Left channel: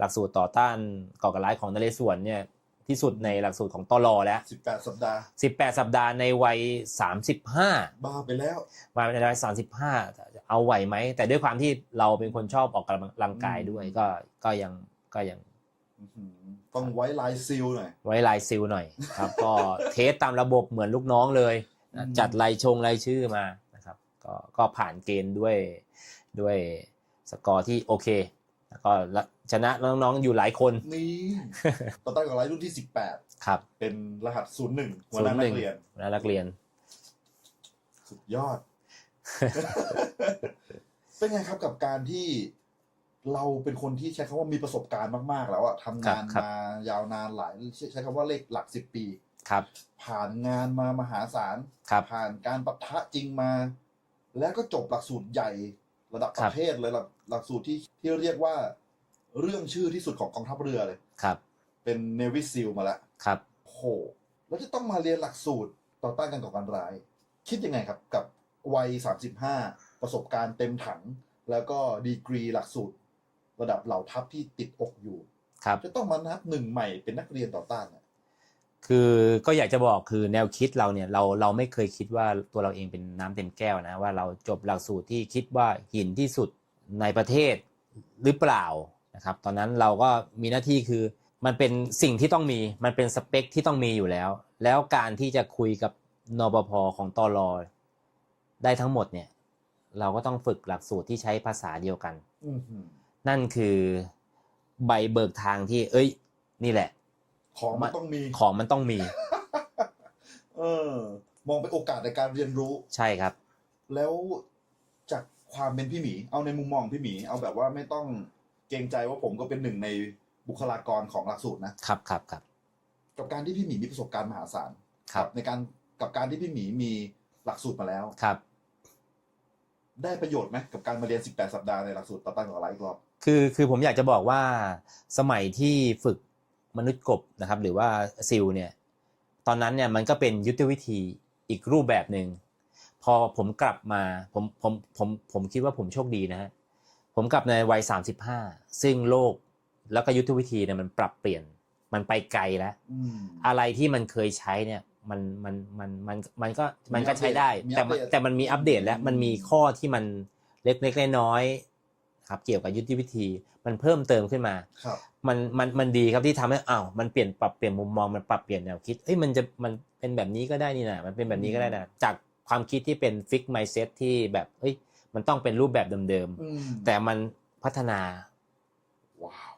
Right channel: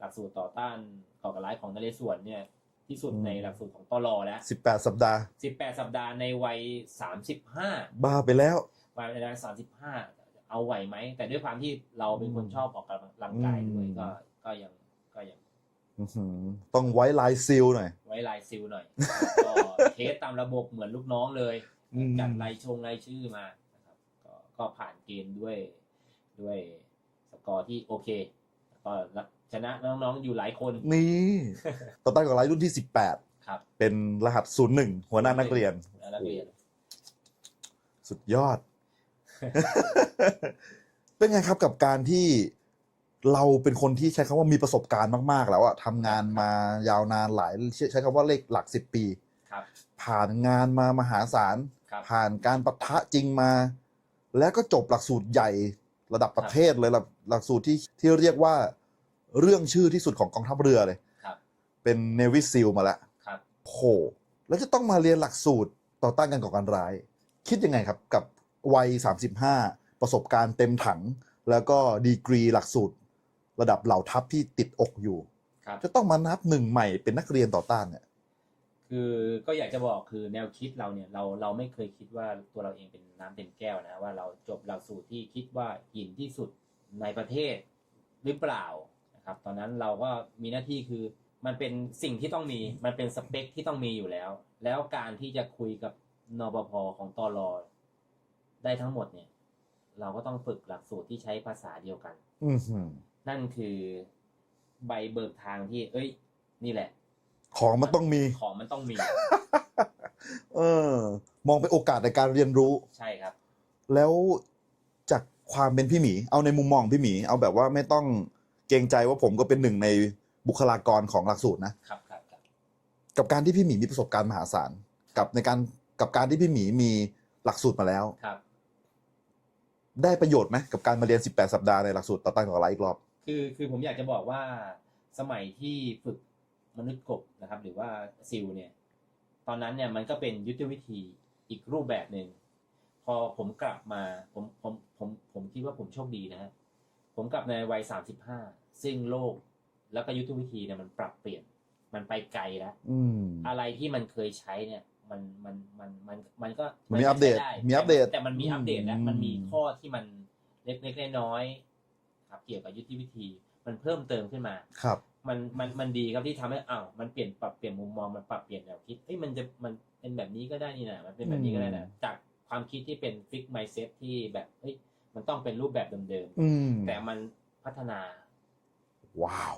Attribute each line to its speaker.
Speaker 1: หลักสูตรต่อต้านก่อการร้ายของนเรศวรเนี่ยที่สุดในหลักสูตรของตลอแล้ว
Speaker 2: 18 สัปดาห์
Speaker 1: 18 สัปดาห์ในวัย 35
Speaker 2: บ้าไปแล้ว
Speaker 1: มาในวัย35 เอาไหวไหม แต่ด้วยความที่เราเป็นคนชอบออกกำลังกายด้วย
Speaker 2: อืม
Speaker 1: ก็ก็ยังก็ยัง
Speaker 2: อื้อหือต้องไว้ลายซิลหน่อย
Speaker 1: ไว้ลายซิลหน่อยครับก็เทสตามระบบเหมือนลูกน้องเลยนะ
Speaker 2: อืม
Speaker 1: จัดรายชงรายชื่อมานะครับ ก็ก็ผ่านเกณฑ์ด้วยด้วยสกอร์ที่โอเคแล้ว ก็ชนะน้องๆอยู่หลายคน
Speaker 2: นี่ต่อต้านกับไลรุ่นที่
Speaker 1: ครับ
Speaker 2: 18เป็นรหัส 01 หัวหน้านักเรียน
Speaker 1: หัวหน้านักเรียน
Speaker 2: สุดยอด เป็นไงครับกับการที่เราเป็นคนที่ใช้คำว่ามีประสบการณ์มาก ๆ แล้วอะทำงาน
Speaker 1: ครับ
Speaker 2: มายาวนานหลายใช้คำว่าเลขหลักสิบปี
Speaker 1: ครับ
Speaker 2: ผ่านงานมามหาศาล
Speaker 1: ครับ
Speaker 2: ผ่านการปะทะจริงมา แล้วก็จบหลักสูตรใหญ่ ระดับประเทศเลยหลักหลักสูตรที่ที่เรียกว่าเรื่องชื่อที่สุดของกองทัพเรือเลย
Speaker 1: ครับ
Speaker 2: เป็นเนวิซิลมาแล้ว
Speaker 1: ครับ
Speaker 2: โหแล้วจะต้องมาเรียนหลักสูตรต่อต้านการก่อการร้าย คิดยังไงครับกับวัย 35 ประสบการณ์เต็มถัง แล้วก็ดีกรีหลักสูตร ระดับเหล่าทัพที่ติดอกอยู่
Speaker 1: ครับ
Speaker 2: จะต้องมานับหนึ่งใหม่เป็นนักเรียนต่อต้านเนี่ย
Speaker 1: คือก็อยากจะบอกคือแนวคิดเราเนี่ยเราเราไม่เคยคิดว่าตัวเราเองเป็นน้ำเต็มแก้วนะว่าเราจบหลักสูตรที่คิดว่าหินที่สุดในประเทศหรือเปล่านะครับ ตอนนั้นเราก็มีหน้าที่คือมันเป็นสิ่งที่ต้องมี มันเป็นสเปคที่ต้องมีอยู่แล้ว แล้วการที่จะคุยกับนปภของตอรอได้ทั้งหมดเนี่ย เราก็ต้องฝึกหลักสูตรที่ใช้ภาษาเดียวกัน
Speaker 2: อื้อหือ
Speaker 1: นั่นคือใบเบิกทางที่ เอ้ย นี่แหละ
Speaker 2: ของมันต้องมี
Speaker 1: ของมันต้องมี
Speaker 2: เออ มองเป็นโอกาสในการเรียนรู้
Speaker 1: ใช่ครับ
Speaker 2: แล้วจากความเป็นพี่หมี เอาในมุมมองพี่หมี เอาแบบว่าไม่ต้องเกรงใจว่าผมก็เป็นหนึ่งในบุคลากรของหลักสูตรนะ
Speaker 1: ครับครับครับ
Speaker 2: กับการที่พี่หมีมีประสบการณ์มหาศาล
Speaker 1: ครั
Speaker 2: กับในการกับการที่พี่หมีมีหลักสูตรมาแล้ว
Speaker 1: ครับ
Speaker 2: ได้ประโยชน์ไหมกับการมาเรียน 18 สัปดาห์ในหลักสูตรต่อต้านก่อการร้ายอีกรอบ
Speaker 1: คือคือผมอยากจะบอกว่าสมัยที่ฝึก มนุษย์กบนะครับ หรือว่าซิลเนี่ยตอนนั้นเนี่ยมันก็เป็นยุทธวิธีอีกรูปแบบหนึ่งพอผมกลับมาผมผมผมผมคิดว่าผมโชคดีนะฮะผมกลับในวัย 35 ซึ่งโลกแล้วก็ยุทธวิธีเนี่ยมันปรับเปลี่ยนมันไปไกลแล้ว
Speaker 2: อืม
Speaker 1: อะไรที่มันเคยใช้เนี่ยมันมันมันมันมันก็
Speaker 2: มี
Speaker 1: มัน
Speaker 2: อั
Speaker 1: ก็
Speaker 2: ปเด
Speaker 1: ใช้
Speaker 2: ต
Speaker 1: ได้
Speaker 2: มี
Speaker 1: แต่
Speaker 2: อัปเดต
Speaker 1: แต่มันมีอัปเดตแล้ว
Speaker 2: อืม
Speaker 1: มันมีข้อที่มันเล็กๆน้อยๆ ครับเกี่ยวกับยุทธวิธีมันเพิ่มเติมขึ้นมา
Speaker 2: ครับ
Speaker 1: มันมันมันดีครับที่ทำให้อ้าวมันเปลี่ยนปรับเปลี่ยนมุมมองมันปรับเปลี่ยนแนวคิดเอ้ยมันจะมันเป็นแบบนี้ก็ได้นี่นะมันเป็นแบบนี้ก็ได้นะจากความคิดที่เป็นฟิกไมเซ็ตที่แบบเฮ้ยมันต้องเป็นรูปแบบเดิม
Speaker 2: อืม
Speaker 1: ๆแต่มันพัฒนา
Speaker 2: ว้าว